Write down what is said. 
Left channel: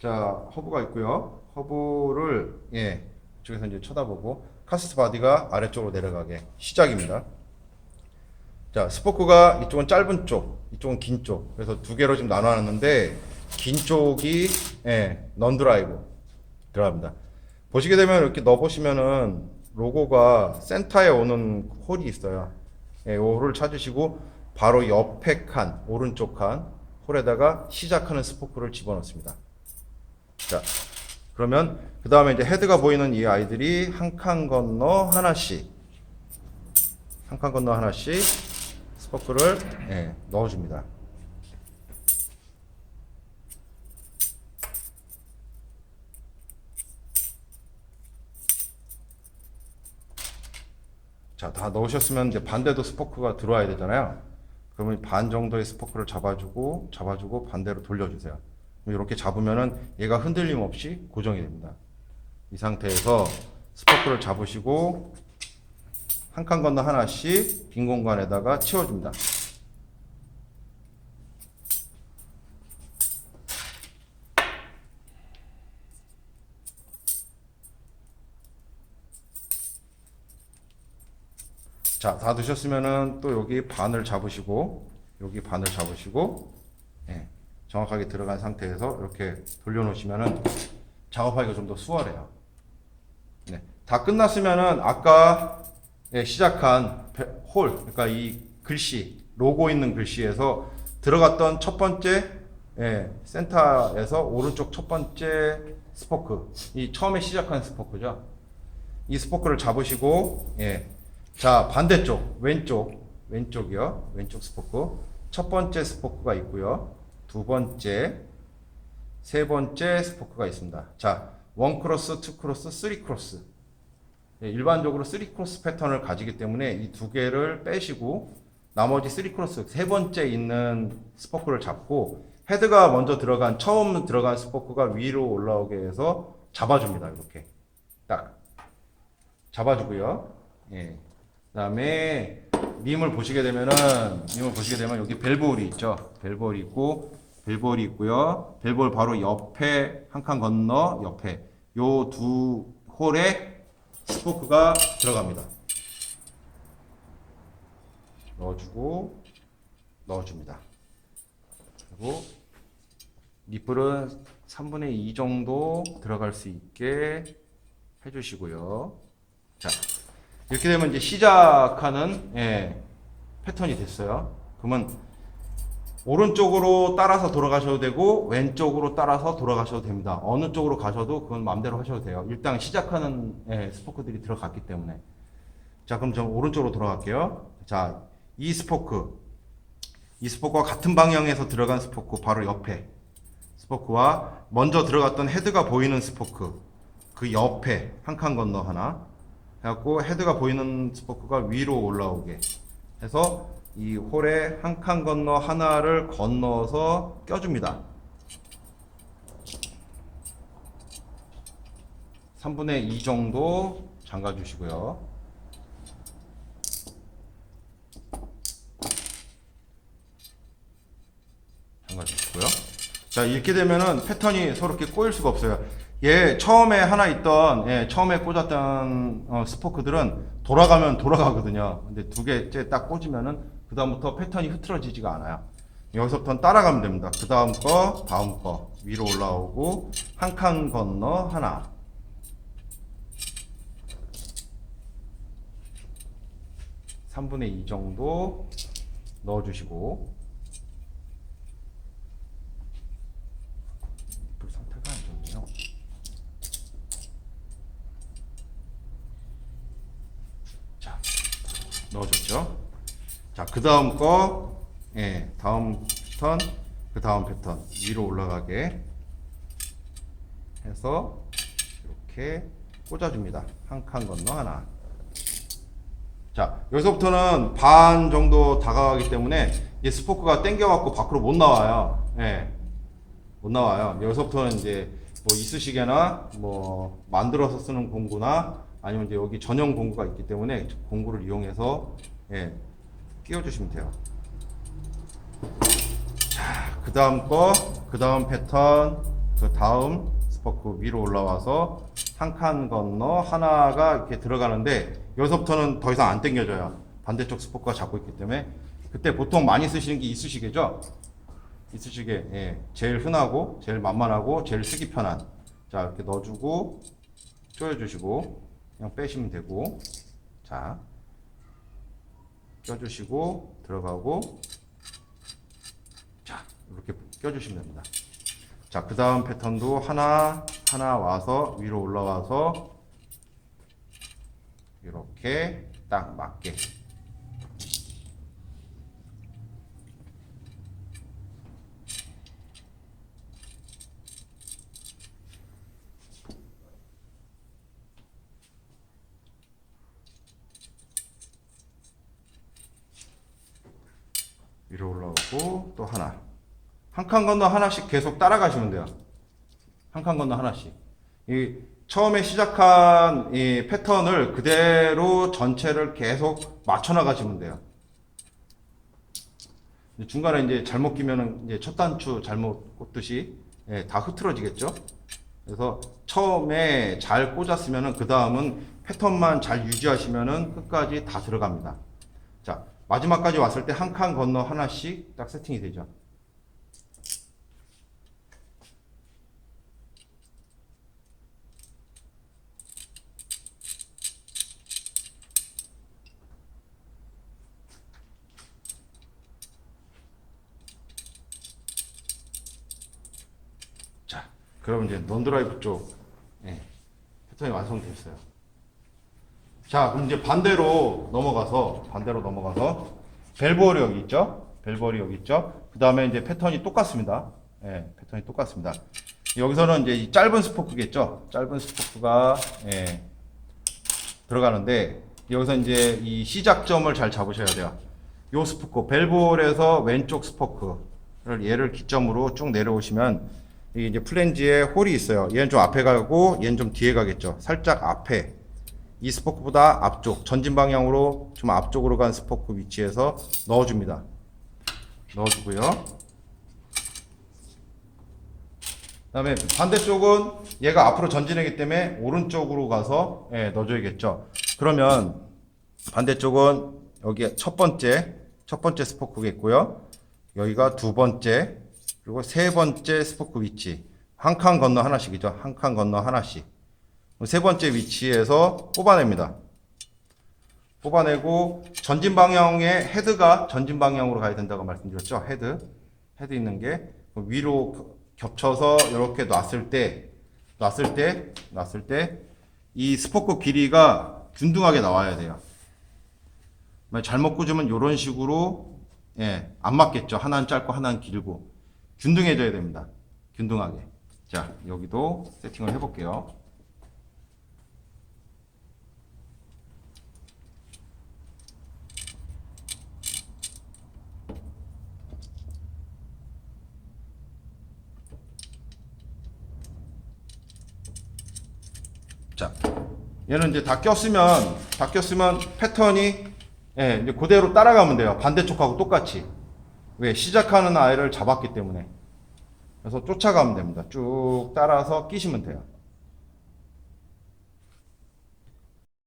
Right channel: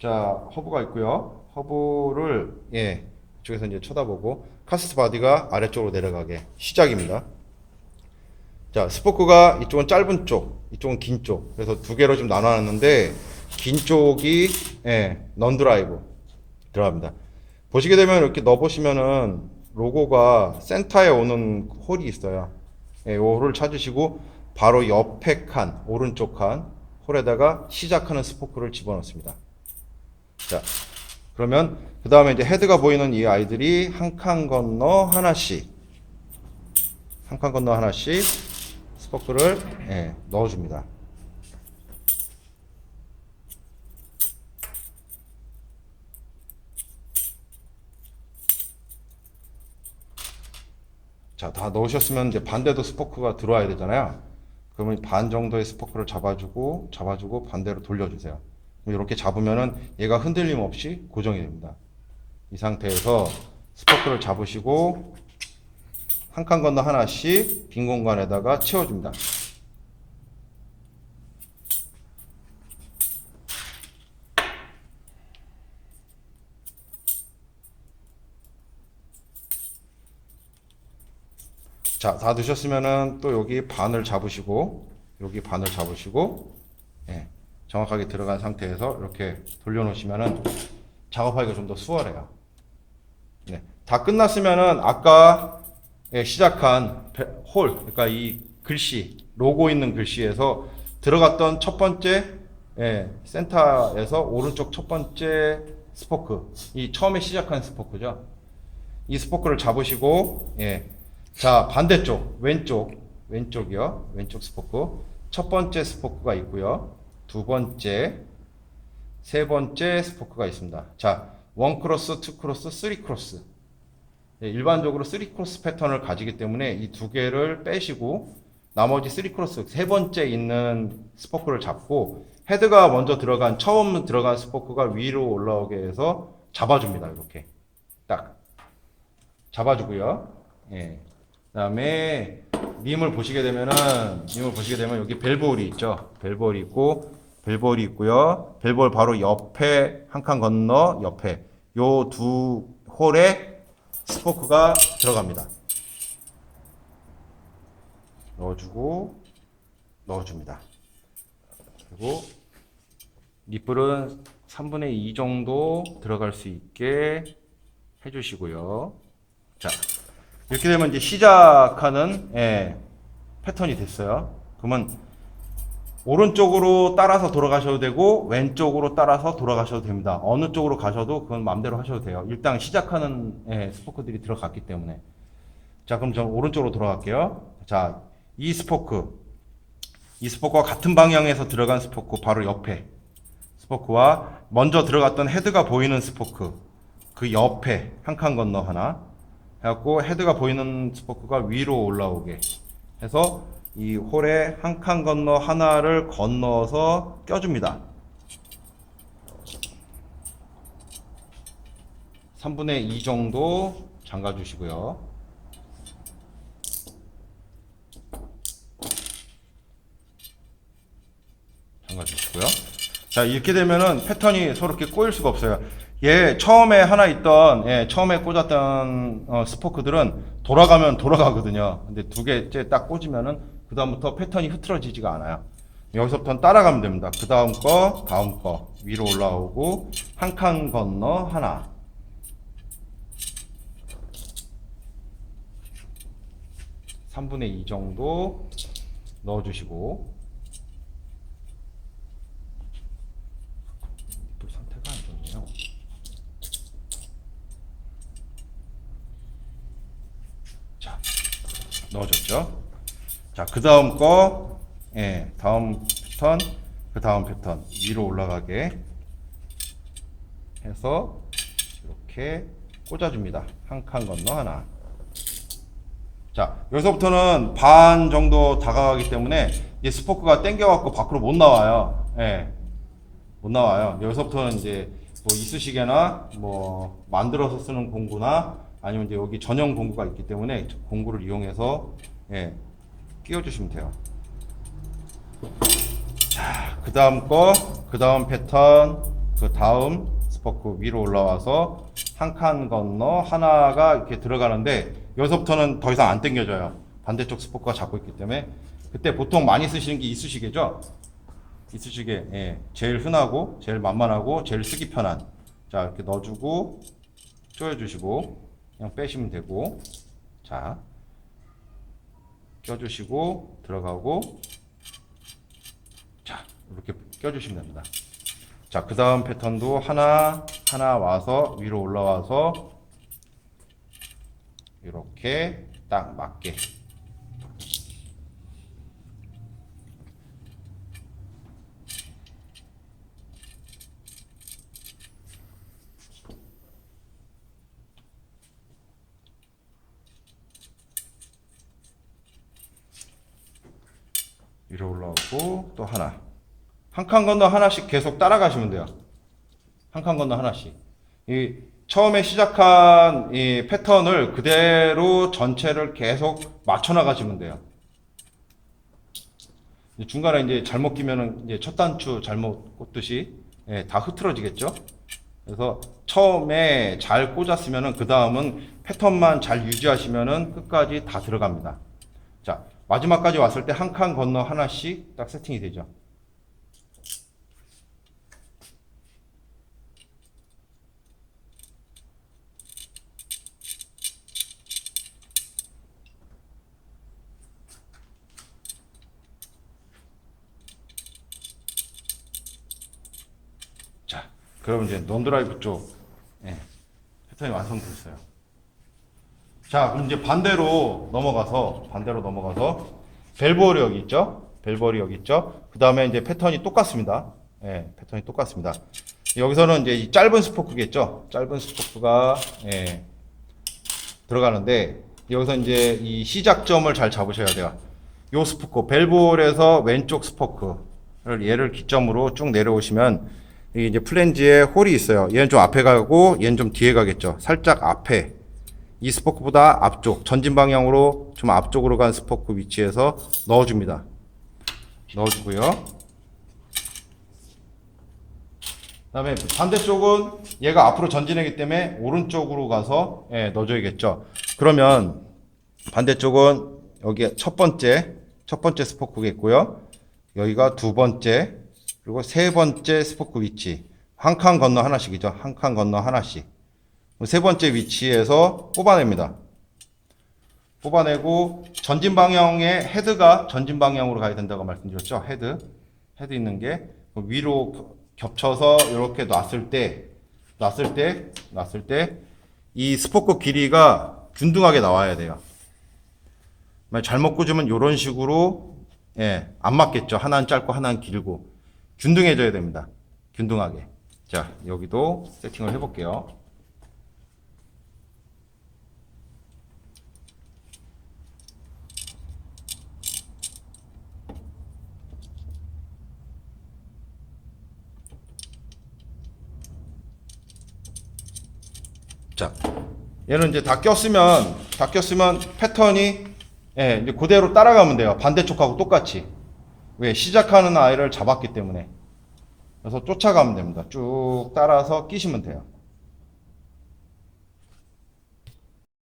자, 허브가 있고요. 허브를 예, 이쪽에서 이제 쳐다보고 카스트 바디가 아래쪽으로 내려가게 시작입니다. 자, 스포크가 이쪽은 짧은 쪽, 이쪽은 긴 쪽. 그래서 두 개로 좀 나눠놨는데 긴 쪽이 예, 넌 드라이브 들어갑니다. 보시게 되면 이렇게 넣어 보시면은 로고가 센터에 오는 홀이 있어요. 예, 이 홀을 찾으시고 바로 옆에 칸, 오른쪽 칸 홀에다가 시작하는 스포크를 집어넣습니다. 자, 그러면 그 다음에 이제 헤드가 보이는 이 아이들이 한 칸 건너 하나씩, 한 칸 건너 하나씩 스포크를 예, 넣어줍니다. 자, 다 넣으셨으면 이제 반대도 스포크가 들어와야 되잖아요. 그러면 반 정도의 스포크를 잡아주고, 잡아주고 반대로 돌려주세요. 이렇게 잡으면은 얘가 흔들림 없이 고정이 됩니다. 이 상태에서 스포크를 잡으시고, 한 칸 건너 하나씩 빈 공간에다가 채워줍니다. 자, 다 넣으셨으면은 또 여기 반을 잡으시고, 여기 반을 잡으시고, 예, 정확하게 들어간 상태에서 이렇게 돌려놓으시면은 작업하기가 좀 더 수월해요. 네, 다 끝났으면은 아까 예, 시작한 배- 홀, 그러니까 이 글씨, 로고 있는 글씨에서 들어갔던 첫 번째 예, 센터에서 오른쪽 첫 번째 스포크, 이 처음에 시작한 스포크죠. 이 스포크를 잡으시고, 예. 자, 반대쪽, 왼쪽, 왼쪽이요. 왼쪽 스포크. 첫 번째 스포크가 있고요. 두 번째, 세 번째 스포크가 있습니다. 자, 원 크로스, 투 크로스, 쓰리 크로스. 예, 일반적으로 쓰리 크로스 패턴을 가지기 때문에 이 두 개를 빼시고 나머지 쓰리 크로스 세 번째 있는 스포크를 잡고 헤드가 먼저 들어간 처음 들어간 스포크가 위로 올라오게 해서 잡아줍니다. 이렇게 딱 잡아주고요. 예. 그다음에 림을 보시게 되면은 림을 보시게 되면 여기 벨볼이 있죠. 벨볼이 있고 벨볼이 있고요. 벨볼 바로 옆에 한 칸 건너 옆에 요 두 홀에 스포크가 들어갑니다. 넣어주고 넣어줍니다. 그리고 니플은 3분의 2 정도 들어갈 수 있게 해주시고요. 자, 이렇게 되면 이제 시작하는 예, 패턴이 됐어요. 그러면 오른쪽으로 따라서 돌아가셔도 되고 왼쪽으로 따라서 돌아가셔도 됩니다. 어느 쪽으로 가셔도 그건 마음대로 하셔도 돼요. 일단 시작하는 예, 스포크들이 들어갔기 때문에. 자, 그럼 저는 오른쪽으로 돌아갈게요. 자, 이 스포크. 이 스포크와 같은 방향에서 들어간 스포크 바로 옆에 스포크와 먼저 들어갔던 헤드가 보이는 스포크 그 옆에 한 칸 건너 하나 해갖고 헤드가 보이는 스포크가 위로 올라오게 해서 이 홀에 한칸 건너 하나를 건너서 껴줍니다. 3분의 2 정도 잠가 주시고요. 잠가 주시고요. 자, 이렇게 되면은 패턴이 서로 이렇게 꼬일 수가 없어요. 얘 처음에 하나 있던, 예, 처음에 꽂았던 어, 스포크들은 돌아가면 돌아가거든요. 근데 두 개째 딱 꽂으면은 그 다음부터 패턴이 흐트러지지가 않아요. 여기서부터는 따라가면 됩니다. 그 다음 거, 다음 거 위로 올라오고 한 칸 건너 하나. 삼분의 이 정도 넣어주시고 그 상태가 안 좋네요. 자, 넣어줬죠. 자, 그 다음 거, 예, 다음 패턴, 그 다음 패턴 위로 올라가게 해서 이렇게 꽂아줍니다. 한 칸 건너 하나. 자, 여기서부터는 반 정도 다가가기 때문에 이 스포크가 당겨갖고 밖으로 못 나와요. 예. 못 나와요. 여기서부터는 이제 뭐 이쑤시개나 뭐 만들어서 쓰는 공구나 아니면 이제 여기 전용 공구가 있기 때문에 공구를 이용해서 예, 끼워주시면 돼요. 자, 그 다음 거, 그 다음 패턴, 그 다음 스포크 위로 올라와서 한 칸 건너 하나가 이렇게 들어가는데 여기서부터는 더 이상 안 당겨져요. 반대쪽 스포크가 잡고 있기 때문에 그때 보통 많이 쓰시는 게 이쑤시개죠. 이쑤시개 예, 제일 흔하고 제일 만만하고 제일 쓰기 편한 자 이렇게 넣어주고 조여주시고 그냥 빼시면 되고 자 껴주시고 들어가고 자 이렇게 껴주시면 됩니다. 자, 그 다음 패턴도 하나, 하나 와서 위로 올라와서 이렇게 딱 맞게. 위로 올라오고 또 하나. 한 칸 건너 하나씩 계속 따라가시면 돼요. 한 칸 건너 하나씩. 이 처음에 시작한 이 패턴을 그대로 전체를 계속 맞춰 나가시면 돼요. 이 중간에 이제 잘못 끼면은 이제 첫 단추 잘못 꽂듯이 예, 다 흐트러지겠죠. 그래서 처음에 잘 꽂았으면은 그 다음은 패턴만 잘 유지하시면은 끝까지 다 들어갑니다. 자 마지막까지 왔을 때 한 칸 건너 하나씩 딱 세팅이 되죠. 자, 그럼 이제 논드라이브 쪽 예, 패턴이 완성됐어요. 자, 그럼 이제 반대로 넘어가서 반대로 넘어가서 벨보리 여기 있죠? 벨보리 여기 있죠? 그 다음에 이제 패턴이 똑같습니다. 예, 패턴이 똑같습니다. 여기서는 이제 이 짧은 스포크겠죠? 짧은 스포크가 예, 들어가는데 여기서 이제 이 시작점을 잘 잡으셔야 돼요. 요 스포크 벨볼에서 왼쪽 스포크를 얘를 기점으로 쭉 내려오시면 이게 이제 플랜지에 홀이 있어요. 얘는 좀 앞에 가고 얘는 좀 뒤에 가겠죠. 살짝 앞에 이 스포크보다 앞쪽 전진 방향으로 좀 앞쪽으로 간 스포크 위치에서 넣어줍니다. 넣어주고요. 그다음에 반대쪽은 얘가 앞으로 전진하기 때문에 오른쪽으로 가서 예, 넣어줘야겠죠. 그러면 반대쪽은 여기 첫 번째 첫 번째 스포크겠고요. 여기가 두 번째 그리고 세 번째 스포크 위치 한 칸 건너 하나씩이죠. 한 칸 건너 하나씩 세 번째 위치에서 뽑아냅니다. 뽑아내고 전진 방향의 헤드가 전진 방향으로 가야 된다고 말씀드렸죠. 헤드 헤드 있는 게 위로 겹쳐서 이렇게 놨을 때 놨을 때 놨을 때 이 스포크 길이가 균등하게 나와야 돼요. 잘못 꽂으면 이런 식으로 예, 안 맞겠죠. 하나는 짧고 하나는 길고 균등해져야 됩니다. 균등하게. 자, 여기도 세팅을 해볼게요. 자, 얘는 이제 다 꼈으면 다 꼈으면 패턴이 예, 이제 그대로 따라가면 돼요. 반대쪽하고 똑같이. 왜 시작하는 아이를 잡았기 때문에. 그래서 쫓아가면 됩니다. 쭉 따라서 끼시면 돼요.